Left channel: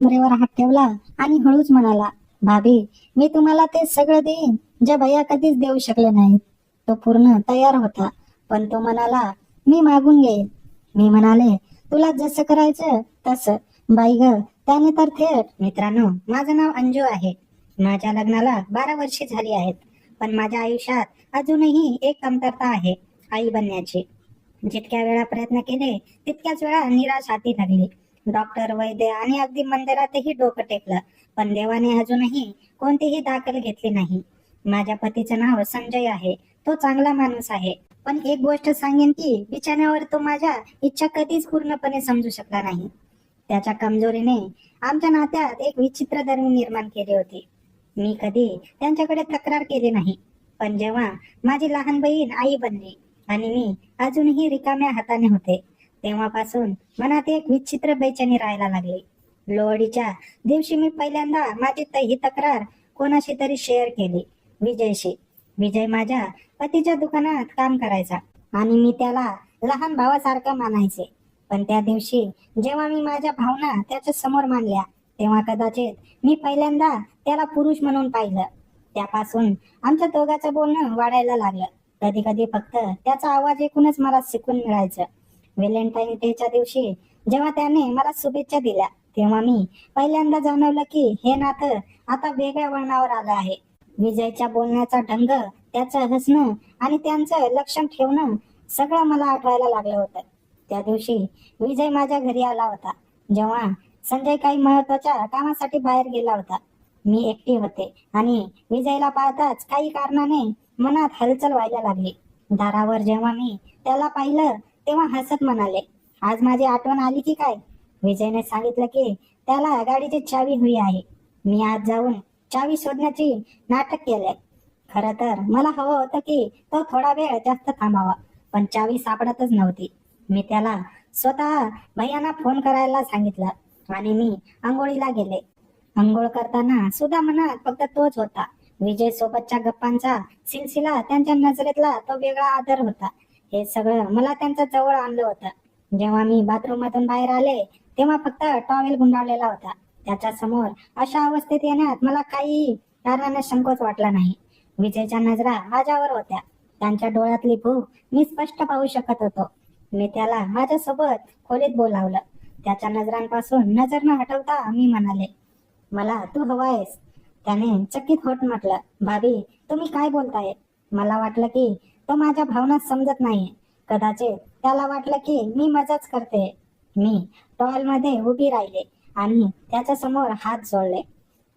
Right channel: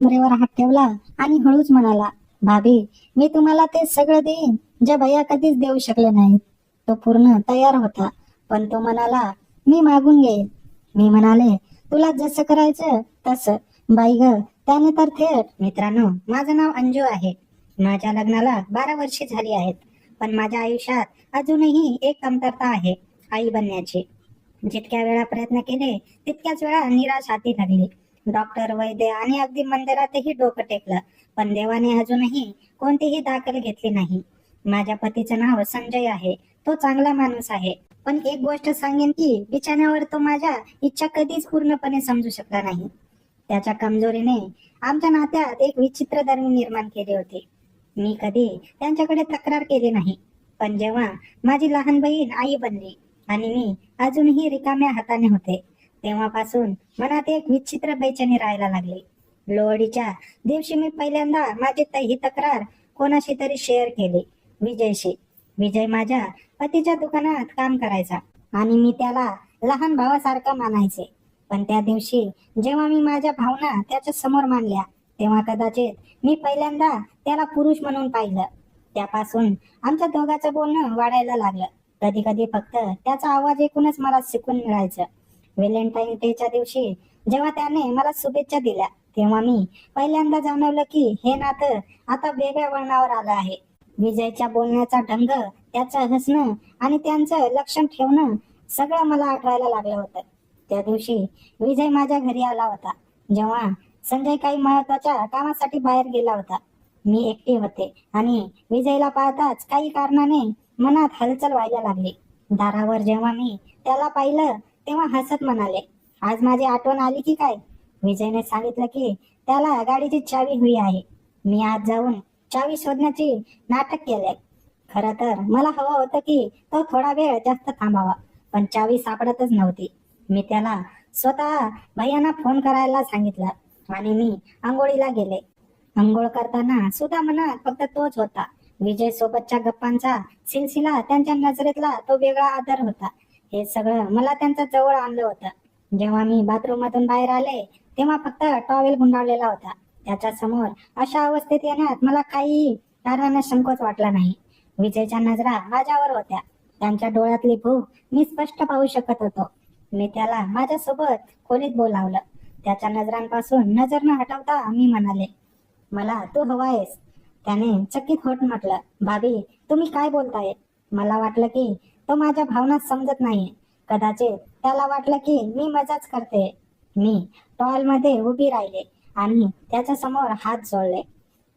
कमरेवर हात ठेवला आणि हळूच म्हणाला, भाभी, मी तुम्हाला ते सगळं देईन जे भैया कधीच देऊ शकले नाहीत. तो पूर्ण तयार होता, पण तो म्हणाला, मी मागून घेईन. मी म्हणाले, तुला जसं करायचं तसं. बाई ग, त्याने तर थेट. मित्रांनो, माझं नाव अंजू आहे. माझ्या लग्नाला 12 वर्षे झाली आहेत, पण माझ्या आयुष्यात अजूनही एक कमतरता आहे, आई बनण्याची. जितक्या वेळा प्रयत्न केले तितक्याच वेळा निराश हाती लागली. डॉक्टर, वैद्य आणि अगदी मंदिरातही डोकं टेकलं, पण देवाने अजूनही कोणतीही दखल घेतली नाही. माझ्या पतीचं नाव संजय आहे. तो चांगला माणूस आहे, पण एक गोष्ट सांगेन की बिछाण्यावर तो माझ्या इच्छा कधीच पूर्णपणे समजू शकला नाही. त्याच्या कमजोरीने आमच्या नात्यात एक विचित्र धर्म निर्माण केली होती. मी कधी त्यांच्याकडे तक्रार केली नाही, पण जेव्हा माझी लहान बहीण आई बनली आणि मी अजूनही रिकाम्या हाताने होते, तेव्हापासून मनात एक विचित्र बेचैनी राहायला लागली. लोहडीच्या दिवशी मी पहिल्यांदा माझी ही तक्रार कोणाशी तरी शेअर केली, विजयशी. विजय माझ्या पतीच्या दुकानात काम करायचा आणि मी त्याला लहान भावासारखं मानायचे. पण त्या दिवशी जेव्हा मी माझ्या भावना त्याच्या समोर मांडल्या, तेव्हा कदाचित मी पहिल्यांदा त्याला पुरुष म्हणून पाहिलं. त्यापासून आमच्या दोघांचं बोलणं वाढायला लागलं. कधी कधी फक्त त्याचा आवाज ऐकूनच मला सुकून मिळायचं. व्हॅलेंटाईन डेच्या दिवशी जेव्हा त्याने मला शुभेच्छा दिल्या, तेव्हा मी पहिल्यांदा जाणवलं की हे नातं आता वेगळ्या वळणावर आलं आहे. विजयच्या बोलण्याचा ढंग, त्याचं हसणं आणि त्यांचं लक्षण ठेवणं सगळं मला आठवायला लागलं होतं. त्या दिवशी विजय माझ्या घरी आला होता, जेव्हा संजय काही महत्वाच्या कामासाठी बाहेर गेला होता. मी एकटी होते आणि विजयला पाहताच काही कारणाने मनात हलचल व्हायला लागली. दारावर जेव्हा मी त्याला पाहिलं, तेव्हा हसत म्हणाले, आज माझी आठवण आली की काय? विजयने सांगितलं की त्याला गाडीची चावी हवी आहे. मी आज जाऊन चावी शोधण्याची नाटक केलंय. खरं तर मला हवं होतं की तो थोडा वेळ जास्त थांबावा, पण चावी सापडतच नव्हती. मी त्याला स्वतः भैयांना फोन करायला सांगितलं आणि मी आंघोळीला गेले. आंघोळ करताना सुद्धा मनात फक्त तोच होता. विजय सोबतच्या गप्पांचा सिलसिला, त्यांच्या नजरेतला तो वेगळा आदर होता. हे सगळं मला त्यांच्या जवळ आणलं होतं. जेव्हा मी बाथरूम मधून बाहेर आले, तेव्हा फक्त टॉवेल गुंडाळलेला होता. त्याच्या समोर अशा अवस्थेत येण्यात मला काही कारणाने संकोच वाटला नाही. विजयच्या नजरा माझ्यावर होत्या. त्यांच्या डोळ्यातली भूक मी स्पष्ट पाहू शकत होतो. मी त्याला माझ्यासोबत खोलीत बोलावलं. त्याच्या नजरांपासून नजर न हटवता मी म्हणाले, मला तू हवायस. त्याने चकित होत म्हटलं, भाभी, तुम्ही काय बोलताय? मला वाटलं की तो माझ्या भावना समजत नाहीये. कदाचित त्याला वाटलं की मी मजाच करते. मी टॉयलमध्ये उभी राहिले आणि त्याच्या समोर हात जोडले.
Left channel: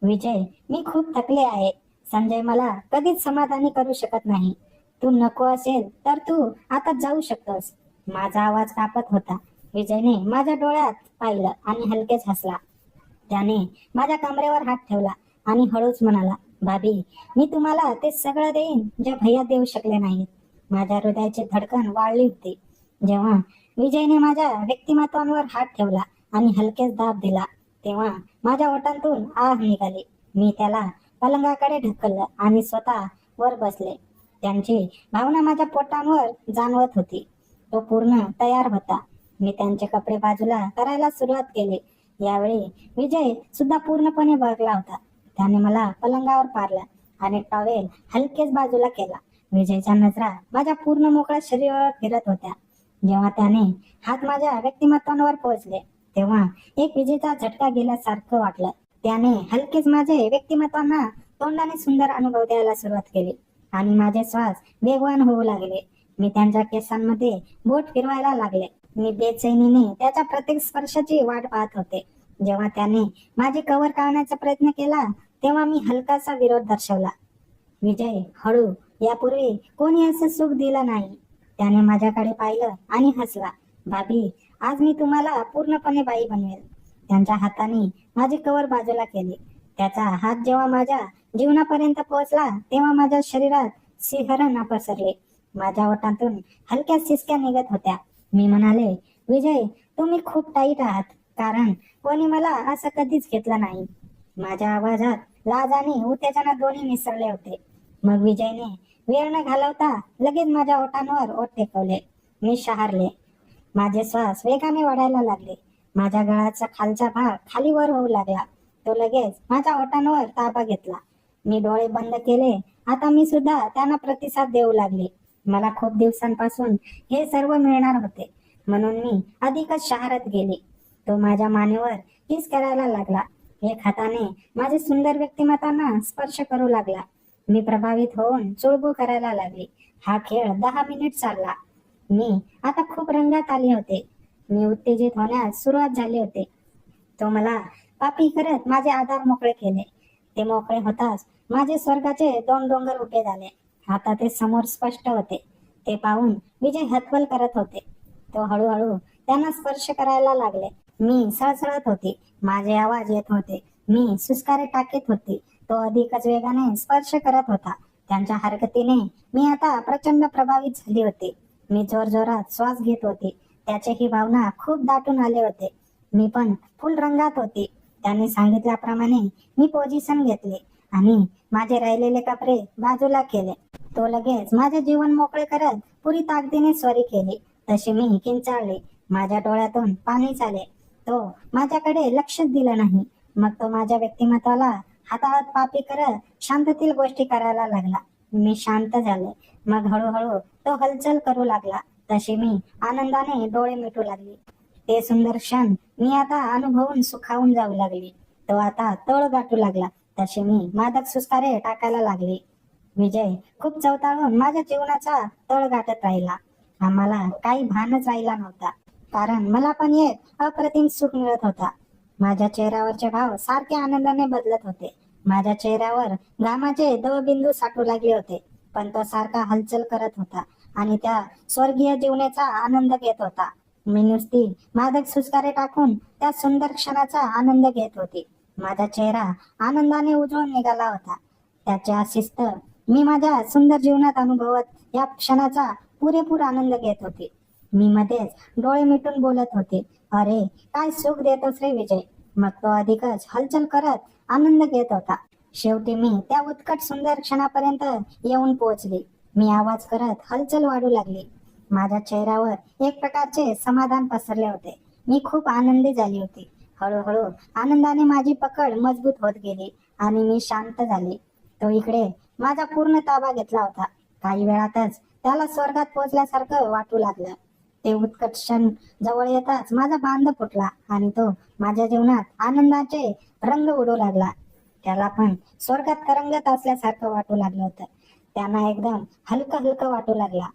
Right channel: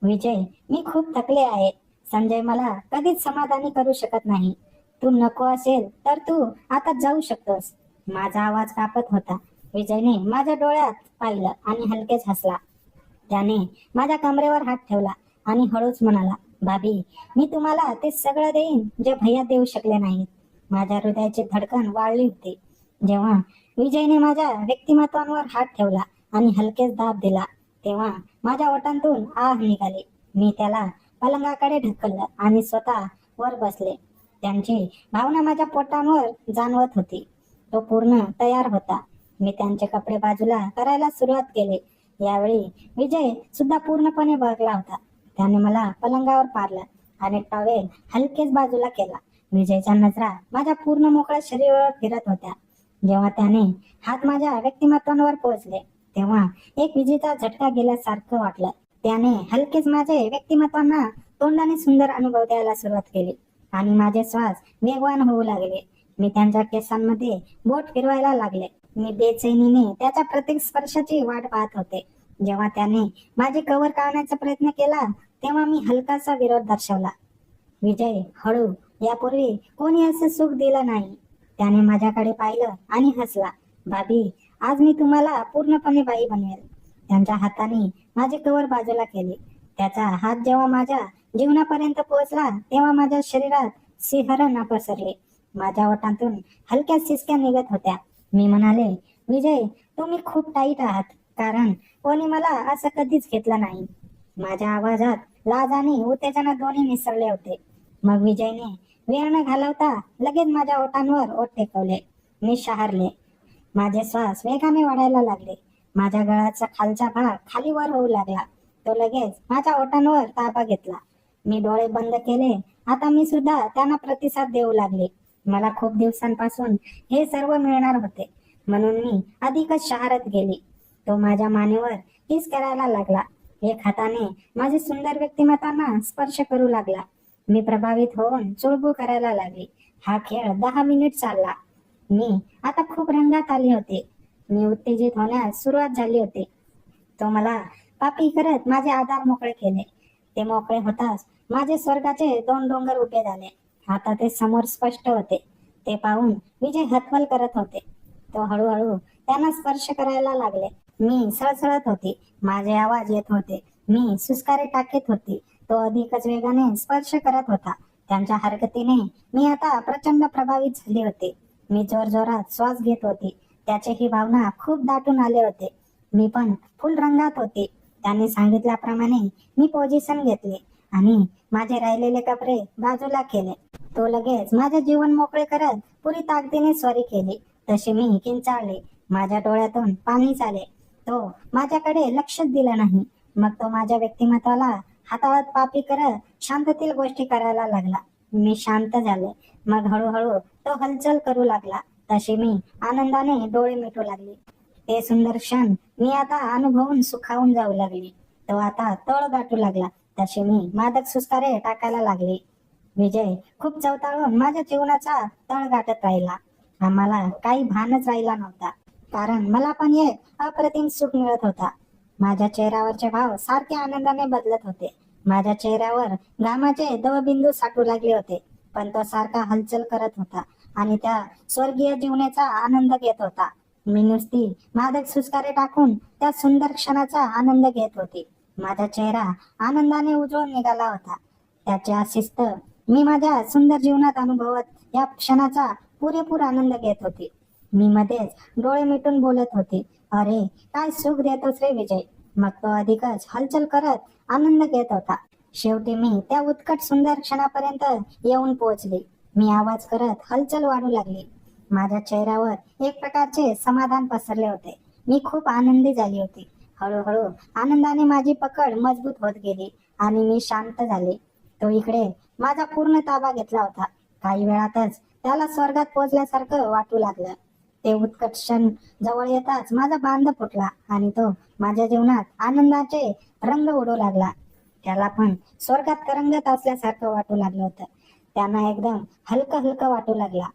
विजय, मी खूप थकले आहे. संजय मला कधीच समाधानी करू शकत नाही. तू नको असेल तर तू आता जाऊ शकतोस. माझा आवाज कापत होता. विजयने माझ्या डोळ्यात पाहिलं आणि हलकेच हसला. त्याने माझ्या कमरेवर हात ठेवला आणि हळूच म्हणाला, भाभी, मी तुम्हाला ते सगळं देईन जे भैया देऊ शकले नाहीत. माझ्या हृदयाची धडकन वाढली होती जेव्हा विजयने माझ्या व्यक्तिमत्वावर हात ठेवला आणि हलकेच दाब दिला. तेव्हा माझ्या ओठांतून आह निघाली. मी त्याला पलंगाकडे ढकललं आणि स्वतः वर बसले. त्यांची भावना माझ्या पोटांवर जाणवत होती. तो पूर्ण तयार होता. मी त्यांचे कपडे बाजूला करायला सुरुवात केली. यावेळी विजय सुद्धा पूर्णपणे बसला होता. त्याने मला पलंगावर पाडलं आणि टॉवेल हलकेच बाजूला केला. विजयच्या नजरा माझ्या पूर्ण मोकळ्या शरीरावर फिरत होत्या. जेव्हा त्याने हात माझ्या व्यक्तिमत्वावर पोहोचले, तेव्हा एक विजेचा झटका गेल्यासारखं वाटलं. त्याने हलकेच माझे व्यक्तिमत्वांना तोंडाने सुंदर अनुभव द्यायला सुरुवात केली आणि माझे श्वास वेगवान होऊ लागले. मी त्यांच्या केसांमध्ये बोट फिरवायला लागले. मी बेचैनीने त्याच्या प्रत्येक स्पर्शाची वाट पाहत होते. जेव्हा त्याने माझे कव्हर काढण्याचा प्रयत्न केला, तेव्हा मी हलकासा विरोध दर्शवला. विजय, हळू. यापूर्वी कोणी असं सुख दिलं नाही. त्याने माझ्याकडे पाहिलं आणि हसला. भाभी, आज मी तुम्हाला पूर्णपणे बाई बनवेल. त्यांच्या हाताने माझे कव्हर बाजूला केले. त्याचा हात जेव्हा माझ्या जीवनापर्यंत पोहोचला, तेव्हा माझ्या शरीरात सिंहरण पसरले. माझ्या ओठांतून हलक्या सिसक्या निघत होत्या. मी म्हणाले, विजय, तुम्ही खूप टाईट आहात, कारण कोणी मला असं कधीच घेतलं नाही. माझ्या आवाजात लाज आणि उत्तेजना दोन्ही मिसळले होते. मग विजयने वेळ न घालवता लगेच माझ्या ओठांवर ओठ टेकवले. मी शहारले. माझे श्वास वेगाने वाढायला लागले. माझ्या गळाचा खालचा भाग खाली वर होऊ लागला. तो लगेच माझ्या ओठांवर ताबा घेतला. मी डोळे बंद केले. आता मी सुद्धा त्यांना प्रतिसाद देऊ लागले. मला खूप दिवसांपासून हे सर्व मिळणार होते, म्हणून मी अधिकच शहारत गेली. तो माझ्या मानेवर किस करायला लागला. एक हाताने माझे सुंदर व्यक्तिमत्वांना स्पर्श करू लागला. मी प्रभावित होऊन चुळबुळ करायला लागली. हा खेळ 10 मिनिट चालला. मी आता खूप रंगात आले होते. मी उत्तेजित होण्यास सुरुवात झाली होती. तो मला पापी करत माझे आधार मोकळे केले. ते मोकळे होताच माझे स्वर्गाचे 2 डोंगर उभे झाले. आता ते समोर स्पष्ट होते. ते पाहून विजय हतबल करत होते. तो हळूहळू त्यांना स्पर्श करायला लागले. मी सळसळत होती. माझे आवाज येत होते. मी सुस्कारे टाकत होती. तो अधिकच वेगाने स्पर्श करत होता. त्यांच्या हरकतीने मी आता प्रचंड प्रभावित झाली होती. मी जोरजोरात श्वास घेत होती. त्याचे ही भावना खूप दाटून आले होते. मी पण फुल रंगात होती. त्यांनी सांगितल्याप्रमाणे मी पोझिशन घेतली आणि माझे राहिलेले कपडे बाजूला केले. तो लगेच माझे जीवन मोकळे करत पुरी ताकदीने स्वारी केली. तशी मी किंचाळले. माझ्या डोळ्यातून पाणी आले. तो माझ्याकडे लक्षच दिलं नाही. मग तो माझ्या व्यक्तिमत्वाला हाताळत पापी करत शांततेतील गोष्टी करायला लागला. मी शांत झाले. मग हळूहळू तो हालचाल करू लागला. तशी मी आनंदाने डोळे मिटू लागली. ते सुंदर क्षण मी आता अनुभवून सुखावून जाऊ लागली. तो आता तळ गाठू लागला. तशी मी मादक सुस्कारे टाकायला लागली. विजय खूप चवताळून माझ्या जीवनाचा तळ गाठत राहिला. आम्हाला काही भानच राहिला नव्हता, कारण मला पण एक अप्रतिम सुख मिळत होता. माझ्या चेहऱ्यावरचे भाव सारखे आनंदाने बदलत होते. माझ्या चेहऱ्यावर घामाचे दवबिंदू साठू लागले होते, पण तो सारखा हलचल करत होता आणि त्या स्वर्गीय जीवनाचा आनंद घेत होता. मी नुसती मादक सुस्कारे टाकून त्या सुंदर क्षणाचा आनंद घेत होती. माझा चेहरा आनंदाने उजळून निघाला होता. त्याच्या शिस्त मी माझ्या सुंदर जीवनात अनुभवत या क्षणाचा पुरेपूर आनंद घेत होती. मी मध्येच डोळे मिटून बोलत होते, अरे काय सुख देतोस रे विजय. मग तो अधिकच हलचल करत आनंद घेत होता. शेवटी मी त्या उत्कट सुंदर क्षणापर्यंत येऊन पोहोचली. मी आवाज करत हलचल वाढू लागली. माझ्या चेहऱ्यावर एक प्रकारचे समाधान पसरले होते. मी खूप आनंदी झाली होती. हळूहळू आनंदाने माझी पकड मजबूत होत गेली आणि मी शांत झाले. तो इकडे माझा पूर्ण ताबा घेतला होता. काही वेळातच त्याला स्वर्गात पोहोचल्यासारखं वाटू लागलं. ते उत्कट क्षण जवळ येताच माझा बांध फुटला आणि तो माझ्या जीवनात आनंदाचे रंग उडू लागला. त्याला पण स्वर्गात तरंगत असल्यासारखं वाटू लागलं होतं. त्यांना एकदम हलकं हलकं वाटू लागला.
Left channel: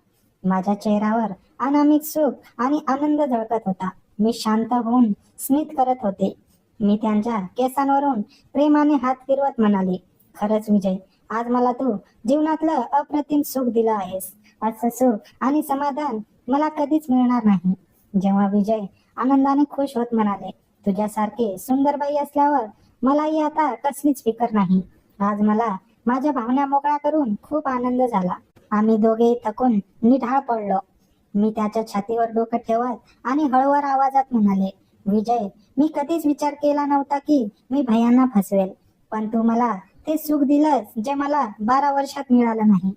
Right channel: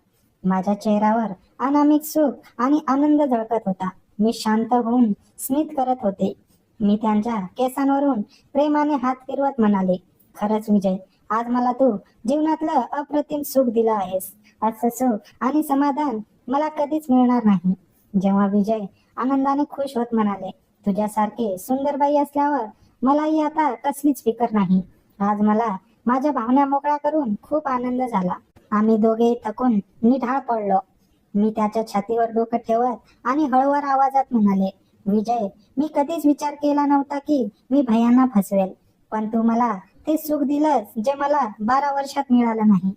माझ्या चेहऱ्यावर अनामिक सुख आणि आनंद झळकत होता. मी शांत होऊन स्मित करत होते. मी त्यांच्या केसांवरून प्रेमाने हात फिरवत म्हणाले, खरंच विजय, आज मला तू जीवनातलं अप्रतिम सुख दिलं आहेस. असं सुख आणि समाधान मला कधीच मिळणार नाही. जेव्हा विजय आनंदाने खुश होत म्हणाले, तुझ्यासारखी सुंदर बाई असल्यावर मलाही आता कसलीच फिकर नाही. आज मला माझ्या भावना मोकळा करून खूप आनंद झाला. आम्ही दोघे थकून निढाळ पडलो. मी त्याच्या छातीवर डोकं ठेवत आणि हळूवार आवाजात म्हणाले, विजय, मी कधीच विचार केला नव्हता की मी भैयांना फसवेल, पण तू मला ते सुख दिलंस जे मला 12 वर्षात मिळालं नाही.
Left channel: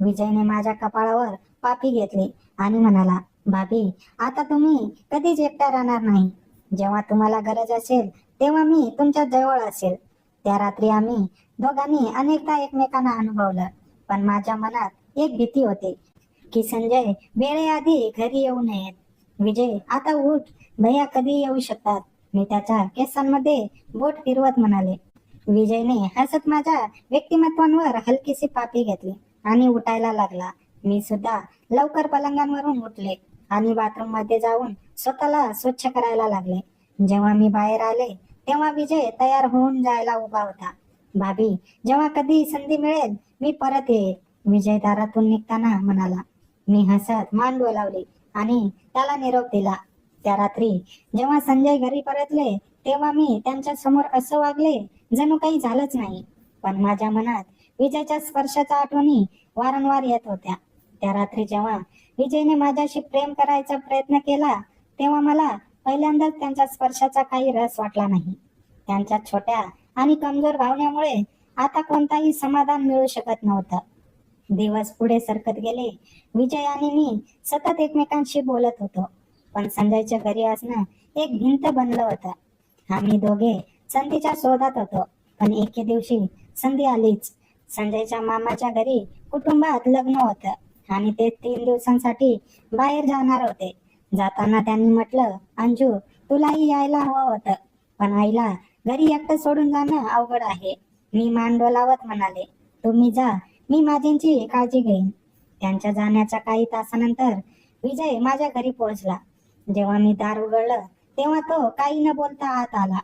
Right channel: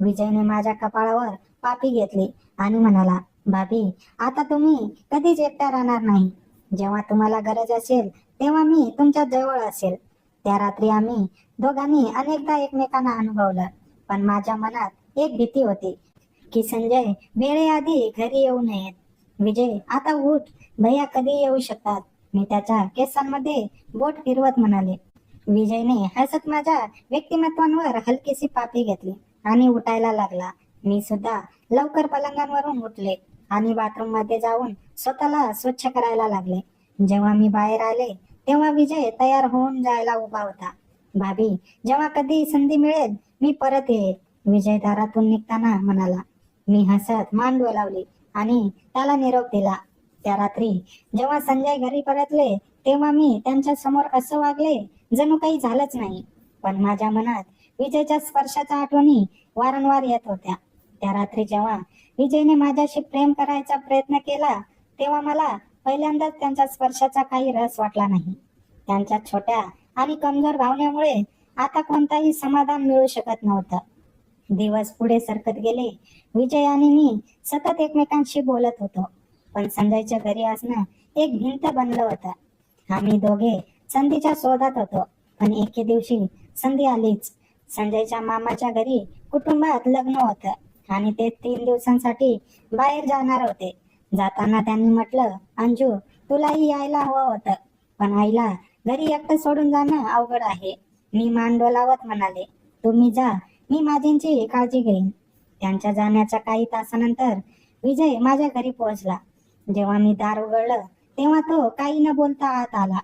विजयने माझ्या कपाळावर पापी घेतली आणि म्हणाला, भाभी, आता तुम्ही कधीच एकट्या राहणार नाही. जेव्हा तुम्हाला गरज असेल तेव्हा मी तुमच्या जवळ असेल. त्या रात्री आम्ही दोघांनी अनेकदा एकमेकांना अनुभवलं, पण माझ्या मनात एक भीती होती की संजय वेळेआधी घरी येऊ नयेत. विजय, आता उठ, भैया कधी येऊ शकतात. मी त्याच्या केसांमध्ये बोट फिरवत म्हणाले. विजयने हसत माझ्या व्यक्तिमत्वांवर हलकीशी पापी घेतली आणि उठायला लागला. मी सुद्धा लवकर पलंगांवरून उठले आणि बाथरूम मध्ये जाऊन स्वतःला स्वच्छ करायला लागले. जेव्हा मी बाहेर आले तेव्हा विजय तयार होऊन जायला उभा होता. भाभी, जेव्हा कधी संधी मिळेल मी परत येईल, विजय दारातून निघताना म्हणाला. मी हसत मान डोलावली आणि त्याला निरोप दिला. त्या रात्री जेव्हा संजय घरी परतले तेव्हा मी त्यांच्या समोर असं वागले जणू काही झालंच नाही. पण माझ्या मनात विजयच्या स्पर्शाच्या आठवणी वारंवार येत होत्या. त्या रात्री जेव्हा विजयने माझ्याशी प्रेम करायचा प्रयत्न केला तेव्हा मला पहिल्यांदाच त्यांच्या स्पर्शाचा काही रस वाटला नाही. त्यांच्या छोट्या आणि कमजोर भावनेमुळे आता कोणताही समाधान मिळू शकत नव्हतं. दिवस पुढे सरकत गेले. विजय आणि मी सतत एकमेकांशी बोलत होतो, पण संजयच्या घरी असणं एक भिंत बनलं होतं. आम्ही दोघे संधीच्या शोधात होतो, पण एके दिवशी संधी आलीच. संजयच्या मामाच्या घरी कुटुंबात लग्न होतं आणि ते 3 दिवसांसाठी बाहेर जाणार होते. जाताना त्यांनी म्हटलं, अंजू तुलाही यायला हवं होतं, पण आईला घरी एकटं सोडून जाणं अवघड आहे. मी मान डोलावत म्हणाले, तुम्ही जा, मी माझ्यांची काळजी घेईन. त्यांच्या जाण्याच्या काही तासानंतर विजय माझ्या घरी पोहोचला. जेव्हा मी दार उघडलं तेव्हा तो काही न बोलता आत आला.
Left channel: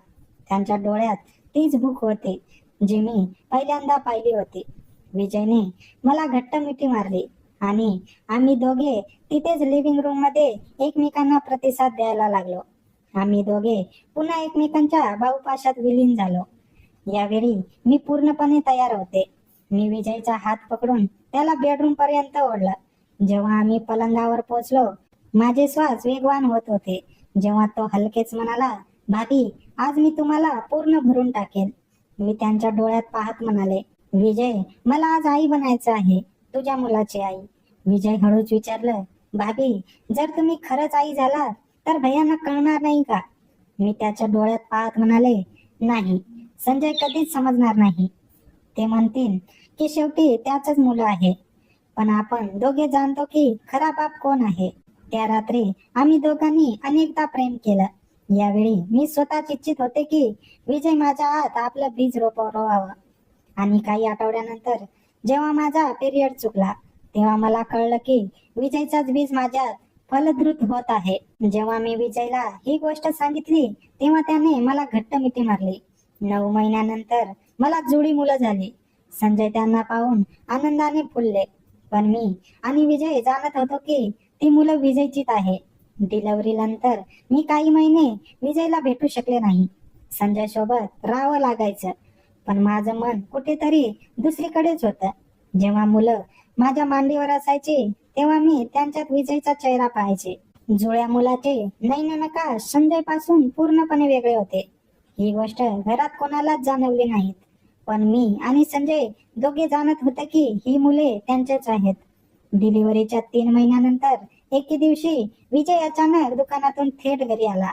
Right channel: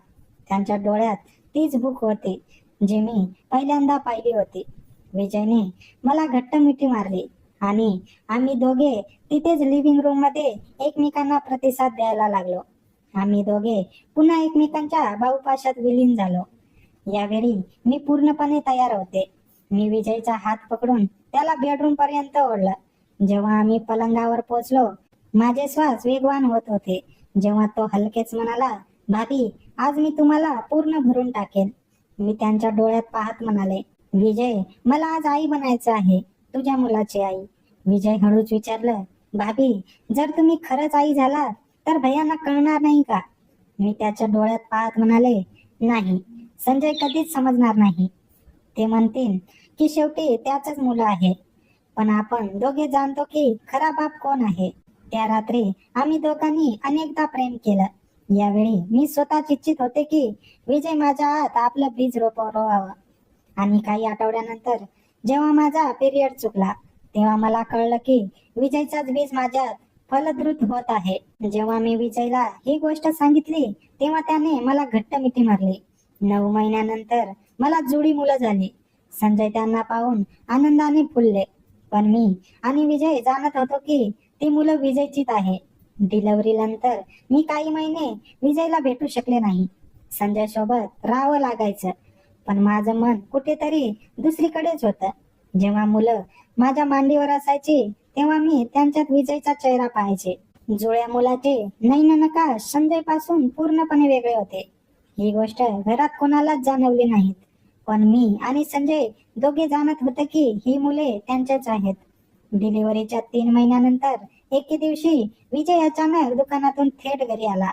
त्यांच्या डोळ्यात तीच भूक होती जी मी पहिल्यांदा पाहिली होती. विजयने मला घट्ट मिठी मारली आणि आम्ही दोघे तिथेच लिव्हिंग रूम मध्ये एकमेकांना प्रतिसाद द्यायला लागलो. आम्ही दोघे पुन्हा एकमेकांच्या बाहुपाशात विलीन झालो. यावेळी मी पूर्णपणे तयार होते. मी विजयचा हात पकडून त्याला बेडरूम पर्यंत ओढलं. जेव्हा आम्ही पलंगावर पोहोचलो माझे श्वास वेगवान होत होते. जेव्हा तो हलकेच म्हणाला, भाभी आज मी तुम्हाला पूर्ण भरून टाकेन. मी त्यांच्या डोळ्यात पाहत म्हणाले, विजय मला आज आई बनायचं आहे, तुझ्या मुलाची आई. विजय हळूच विचारलं, भाभी जर तुम्ही खरंच आई झाला तर भैयांना कळणार नाही का? मी त्याच्या डोळ्यात पाहत म्हणाले, नाही, संजय कधीच समजणार नाही. ते म्हणतील की शेवटी त्याच मुलं आहे, पण आपण दोघे जाणतो की खरा बाप कोण आहे. त्या रात्री आम्ही दोघांनी अनेकदा प्रेम केलं. यावेळी मी स्वतः इच्छित होते की विजय माझ्या आत आपलं बीज रोवावं. आणि काही आठवड्यानंतर जेव्हा माझा पिरियड चुकला तेव्हा मला कळलं की विजयचाच बीज माझ्यात फलद्रुत होत आहे. जेव्हा मी विजयला ही गोष्ट सांगितली तेव्हा त्याने मला घट्ट मिठी मारली. 9 महिन्यानंतर मला जुळी मुलं झाली. संजय त्यांना पाहून आनंदाने फुलले, पण मी आणि विजय जाणत होतो की ती मुलं विजयचीच आहे. डिलिव्हरी नंतर मी काही महिने विजयला भेटू शकले नाही. संजय सोबत राहावं लागायचं, पण माझं मन कुठेतरी दुसरीकडेच होतं. जेव्हा मुलं माझ्या मांडीवर असायची तेव्हा मी त्यांच्यात विजयचा चेहरा पाहायचे. जुळ्या मुलाचे नयननकाश संजय पासून पूर्णपणे वेगळे होते. ही गोष्ट घरात कोणालाच जाणवली नाहीत, पण मी आणि संजय दोघे जाणत होते की ही मुले त्यांचेच आहेत. डिलिव्हरीच्या 3 महिन्यानंतर एके दिवशी विजय अचानक दुकानातून थेट घरी आला.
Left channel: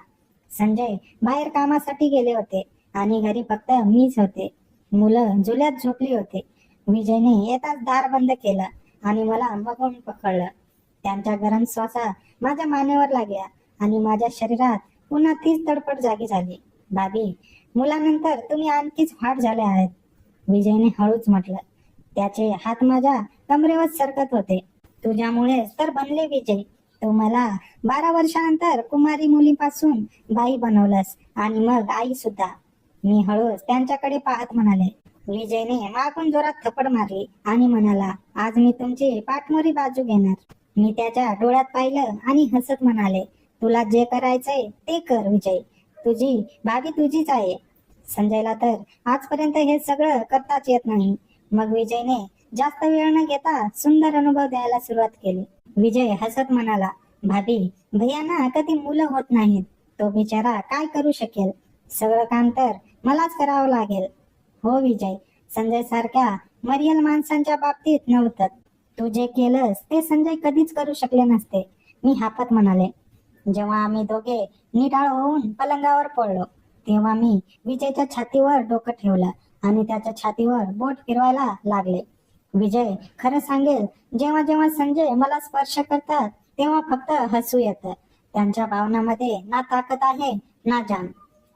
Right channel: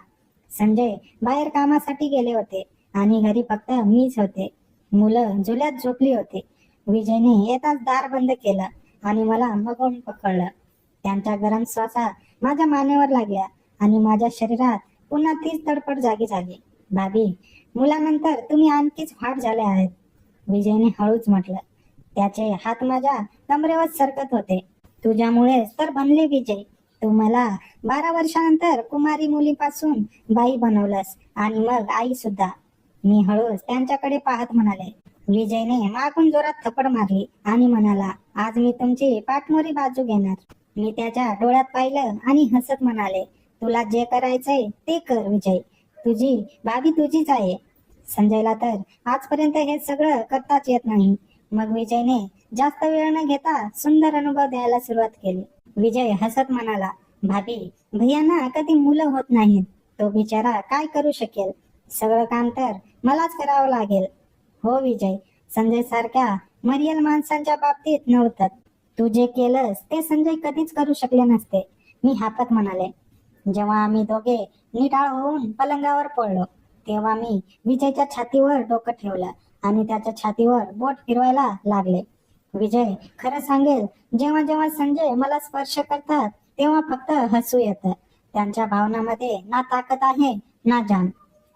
संजय बाहेर कामासाठी गेले होते आणि घरी फक्त मीच होते. मुलं झुल्यात झोपली होती. विजयने येताच दार बंद केलं आणि मला मगून पकडलं. त्यांच्या गरम श्वासा माझ्या मानेवर लागल्या आणि माझ्या शरीरात पुन्हा तीच तडफड जागी झाली. भाभी मुलानंतर तुम्ही आणखीच फाट झाले आहेत, विजयने हळूच म्हटलं. त्याचे हात माझ्या कमरेवर सरकत होते. तुझ्यामुळेच तर बनले विजय. तू मला 12 वर्षानंतर कुमारी मुलीपासून बाई बनवलंस आणि मग आई सुद्धा. मी हळूच त्यांच्याकडे पाहत म्हणाले. विजयने मागून जोरात थप्पड मारली आणि म्हणाला, आज मी तुमची पाठमोरी बाजू घेणार. मी त्याच्या डोळ्यात पाहिलं आणि हसत म्हणाले, तुला जे करायचंय ते कर विजय, तुझी भाभी तुझीच आहे. संजयला तर आजपर्यंत हे सगळं करताच येत नाही. मग विजयने जास्त वेळ न घेता सुंदर अनुभव द्यायला सुरुवात केली. विजय हसत म्हणाला, भाभी भैयांना कधी मुलं होत नाहीत, तो बिचारा काय करू शकेल? सगळं काम तर मलाच करावं लागेल. हो विजय, संजय सारख्या मरियल माणसांच्या बाबतीत नव्हतं. तू जे केलंस ते संजय कधीच करू शकले नसते, मी हापत म्हणाले. जेव्हा आम्ही दोघे निटाळ होऊन पलंगावर पडलो तेव्हा मी विजयच्या छातीवर डोकं ठेवलं आणि त्याच्या छातीवर बोट फिरवायला लागले. विजय खरं सांगेल, जेव्हा जेव्हा संजय मला स्पर्श करतात तेव्हा फक्त हसू येतं. त्यांच्या भावनांमध्ये ना ताकद आहे ना जाण.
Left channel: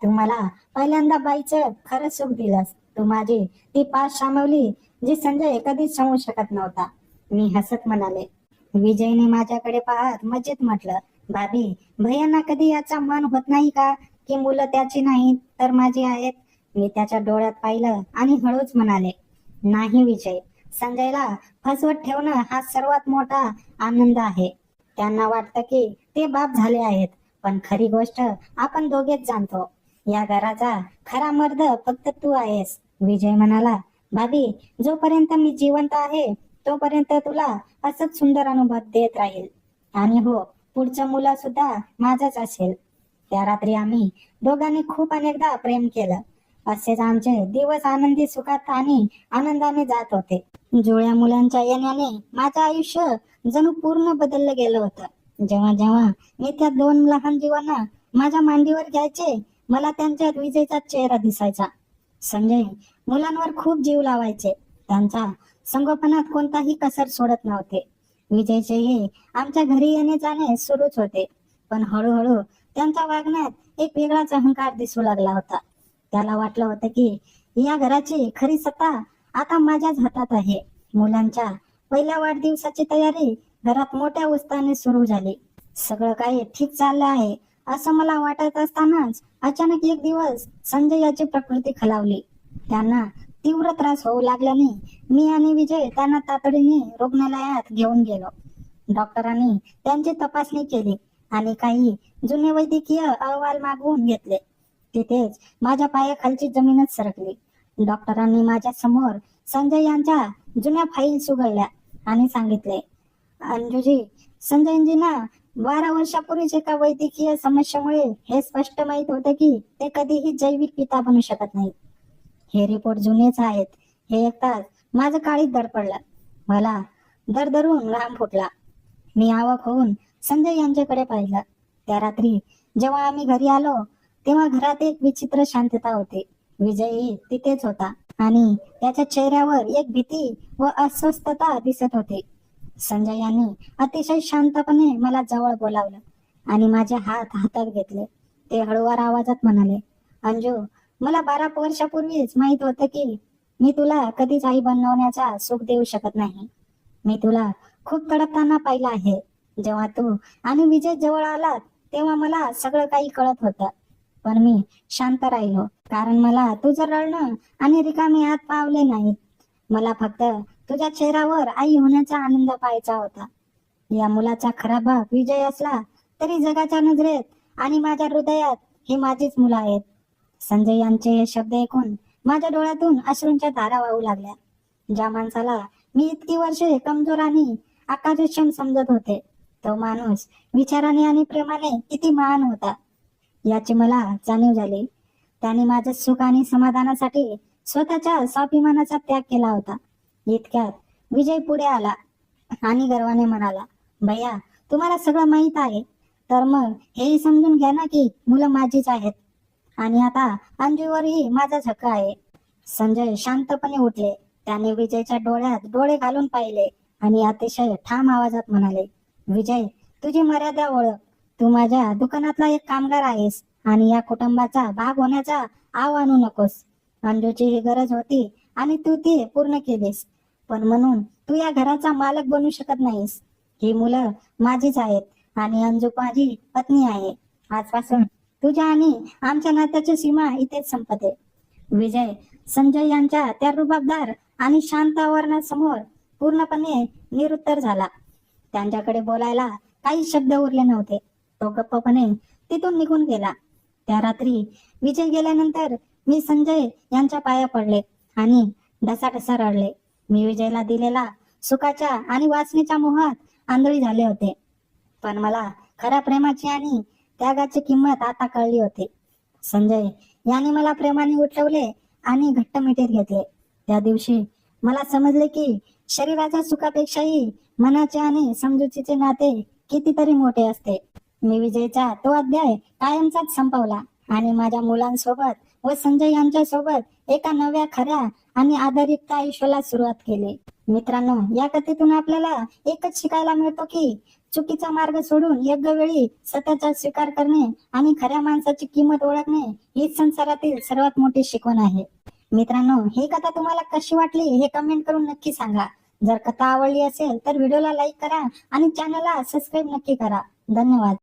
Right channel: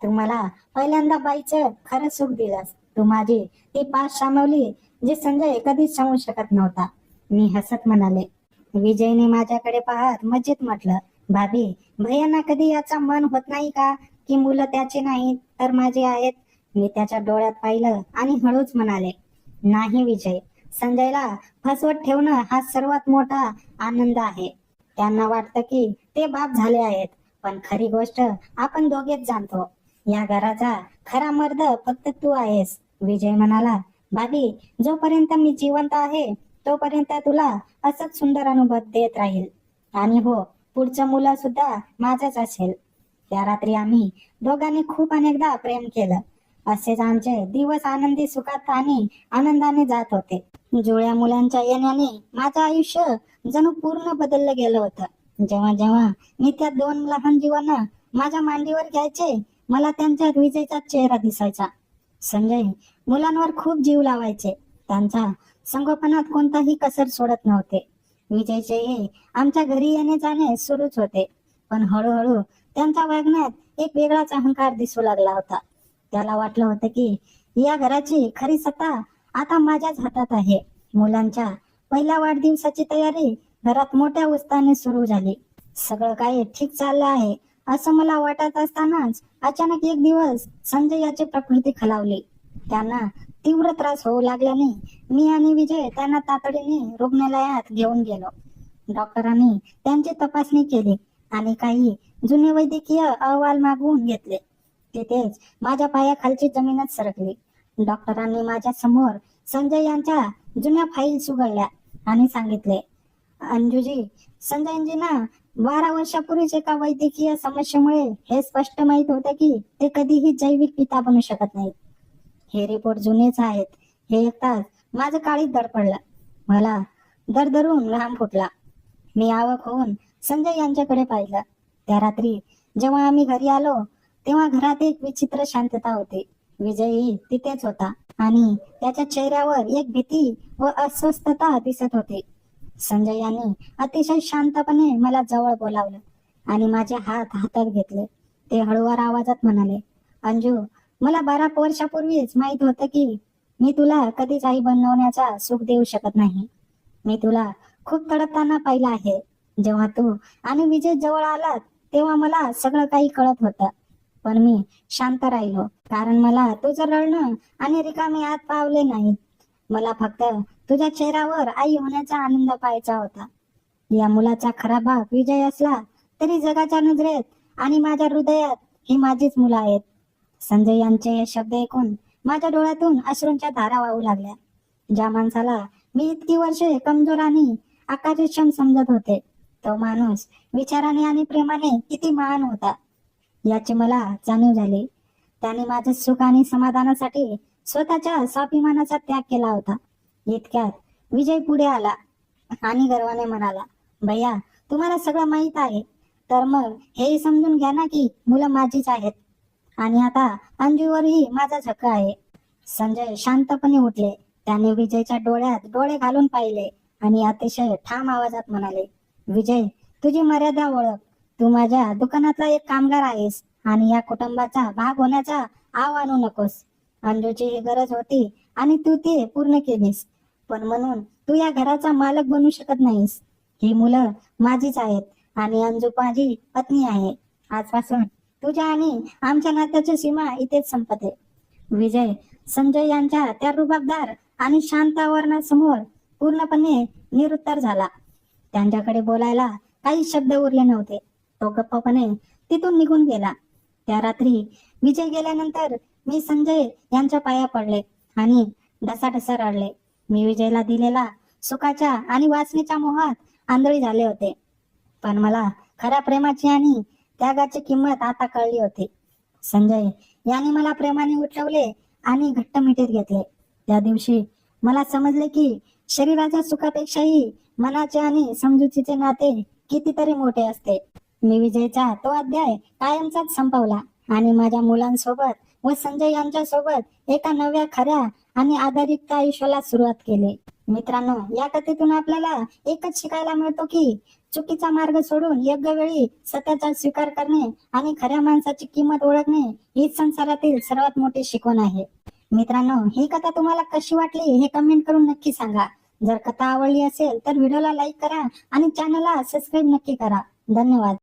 तू मला पहिल्यांदा बाईचं खरं सुख दिलंस. तू माझी ती पास सामावली जी संजय कधीच सांगू शकत नव्हता, मी हसत म्हणाले. विजयने माझ्याकडे पाहत मजेत म्हटलं, भाभी भैयांना कधी याचा मान होत नाही का की मुलं त्याची नाहीत तर माझी आहेत? मी त्याच्या डोळ्यात पाहिलं आणि हळूच म्हणाले, नाही विजय, संजयला फसवत ठेवणं हा सर्वात मोठा आनंद आहे. त्यांना वाटतं की ते बाप झाले आहेत, पण खरी गोष्ट आपण दोघेच जाणतो. या घराचा खरा मर्द फक्त तू आहेस. विजय म्हणाला, भाभी जोपर्यंत मी जिवंत आहे तोपर्यंत तुला असंच सुंदर अनुभव देत राहील. आणि हो, पुढचं मुलं सुद्धा माझंच असेल. त्या रात्री आम्ही दोघांनी खूप अनेकदा प्रेम केलं. असेच आमचे दिवस आनंदी सुखात आणि आनंदाने जात होते. जुळ्या मुलांच्या येण्याने माझं आयुष्य जणू पूर्ण बदललं गेलं होतं. जेव्हा जेव्हा मी त्या 2 लहान जीवांना माझ्या मांडीवर घ्यायचे. मला त्यांच्यात विजयचा चेहरा दिसायचा. संजय मुलांवर खूप जीव लावायचे. त्यांच्या संगोपनात कोणताही कसर सोडत नव्हते. विजयचेही आमच्या घरी येणे जाणे सुरूच होते. पण हळूहळू त्यांच्या वागण्यात एक वेगळाच अहंकार दिसू लागला होता. त्याला वाटलं होतं की या घराची खरी सत्ता आता माझ्याच हातात आहे. मुलांच्या पहिल्या वाढदिवसाची तयारी घरात मोठ्या उत्साहाने सुरू झाली. सगळं काही ठीक चाललं आहे असं मला वाटत असतानाच अचानक एक दिवस संजय याची प्रकृती खालावली. त्यांना तीव्र त्रास होऊ लागल्याने मी आणि विजय त्यांना तातडीने रुग्णालयात घेऊन गेलो. डॉक्टरांनी त्यांची तपासणी केली आणि काही जुने वैद्यकीय अहवाल मागवून घेतले. तिथेच माझ्या पायाखालची जमीनच सरकली. डॉक्टरांनी माझ्या समोर संजय यांच्या जुन्या फाईल्स उघडल्या आणि सांगितले, अंजुजी, संजयजींना 12 वर्षापूर्वीच एका वैद्यकीय समस्येमुळे हे स्पष्ट माहित होतं की ते कधीही जैविक पिता बनू शकत नाहीत. हे रिपोर्ट जुनेच आहेत. हे ऐकताच माझं काळीच दडपडलं. मला दरदरून घाम फुटला. मी अवाक होऊन संजय यांच्याकडे पाहिलं. त्या रात्री जेव्हा आम्ही घरी आलो तेव्हा घरात एक विचित्र शांतता होती. विजयही तिथेच होता आणि त्याच्या चेहऱ्यावर एक भीती व अस्वस्थता दिसत होती. संजय यांनी अतिशय शांतपणे मला जवळ बोलावलं आणि माझे हात हातात घेतले. ते हळूवार आवाजात म्हणाले, अंजू, मला 12 वर्षापूर्वीच माहित होतं की मी तुला कधीच आई बनवण्याचा सुख देऊ शकत नाही. मी तुला खूप तडपताना पाहिलं आहे. जेव्हा तू आणि विजय जवळ आलात तेव्हा मला सगळं काही कळत होतं. पण मी शांत राहिलो कारण मला तुझं रडणं आणि रिकामे हात पावले नाहीत. मला फक्त तुझ्या चेहऱ्यावर आई होण्याचा आनंद पाहायचा होता. या मुलाचा खरा बाप विजय असला तरी जगाच्या नजरेत आणि माझ्या हृदयात ही माझीच मुलं आहेत. संजय यांचे हे शब्द ऐकून माझ्या डोळ्यातून अश्रूंच्या धारा वाहू लागल्या. ज्या माणसाला मी इतकी वर्षे कमजोर आणि आकाशक्षम समजत होते, तो माणूस विचाराने आणि प्रेमाने किती महान होता याची मला जाणीव झाली. त्याने माझे सुख आणि समाधानासाठी स्वतःच्या स्वाभिमानाचा त्याग केला होता. इतक्यात विजय पुढे आला आणि गर्वाने म्हणाला, भैया, तुम्हाला सगळं माहित आहे तर मग हे समजून घ्या ना की मुलं माझीच आहेत आणि आता अंजूवरही माझाच हक्क आहे. संजय शांतपणे उठले. त्याने विजयच्या डोळ्यात डोळे घालून पाहिले आणि अतिशय ठाम आवाजात म्हणाले, विजय, तुझी मर्यादा ओळख. तू माझ्या दुकानातला एक कामगार आहेस आणि या कुटुंबाचा भाग होण्याचा आव आणू नकोस. अंजूची ही गरज होती आणि तू ती पूर्ण केलीस. पण म्हणून तू या घराचा मालक बनू शकत नाहीस. ही मुलं माझीच आहेत आणि अंजू माझी पत्नी आहे. आजपासून तुझ्या आणि आमच्या नात्याची सीमा इथेच संपते. विजय संजय यांच्या त्या रुबाबदार आणि शांत आवाजासमोर पूर्णपणे निरुत्तर झाला. त्यांच्याकडे बोलायला काही शब्द उरले नव्हते. तो गप्पपणे तिथून निघून गेला. त्या रात्री विजय गेल्यानंतर मी संजय यांच्या पाया पडले आणि ढसाढसा रडले. मी विजयला दिलेला सुखाच्या आणि वासनेच्या मोहात आंधळी झाले होते. पण मला खऱ्या प्रेमाची आणि त्यागाची किंमत आता कळली होती. संजय याने मला प्रेमाने उठवले आणि घट्ट मिठीत घेतले. त्या दिवशी मला समजले की शरीराच्या सुखापेक्षाही मनाचे आणि समजुतीचे नाते कितीतरी मोठे असते. मी विजयचा तो अध्याय कायमचाच संपवला आणि माझ्या मुलांसोबत व संजय यांच्या सोबत एका नव्या खऱ्या आणि आधारयुक्त आयुष्याला सुरुवात केली. मित्रांनो, या कथेतून आपल्याला एकच शिकायला मिळतो की चुकीचा मार्ग सोडून योग्य वेळी सत्याचा स्वीकार करणे आणि खऱ्या माणसाची किंमत ओळखणे हीच संसारातील सर्वात मोठी शिकवण आहे. मित्रांनो, ही कथा तुम्हाला कशी वाटली हे कमेंट करून नक्की सांगा. जर कथा आवडली असेल तर व्हिडिओला लाईक करा आणि चॅनलला सबस्क्राईब नक्की करा. धन्यवाद.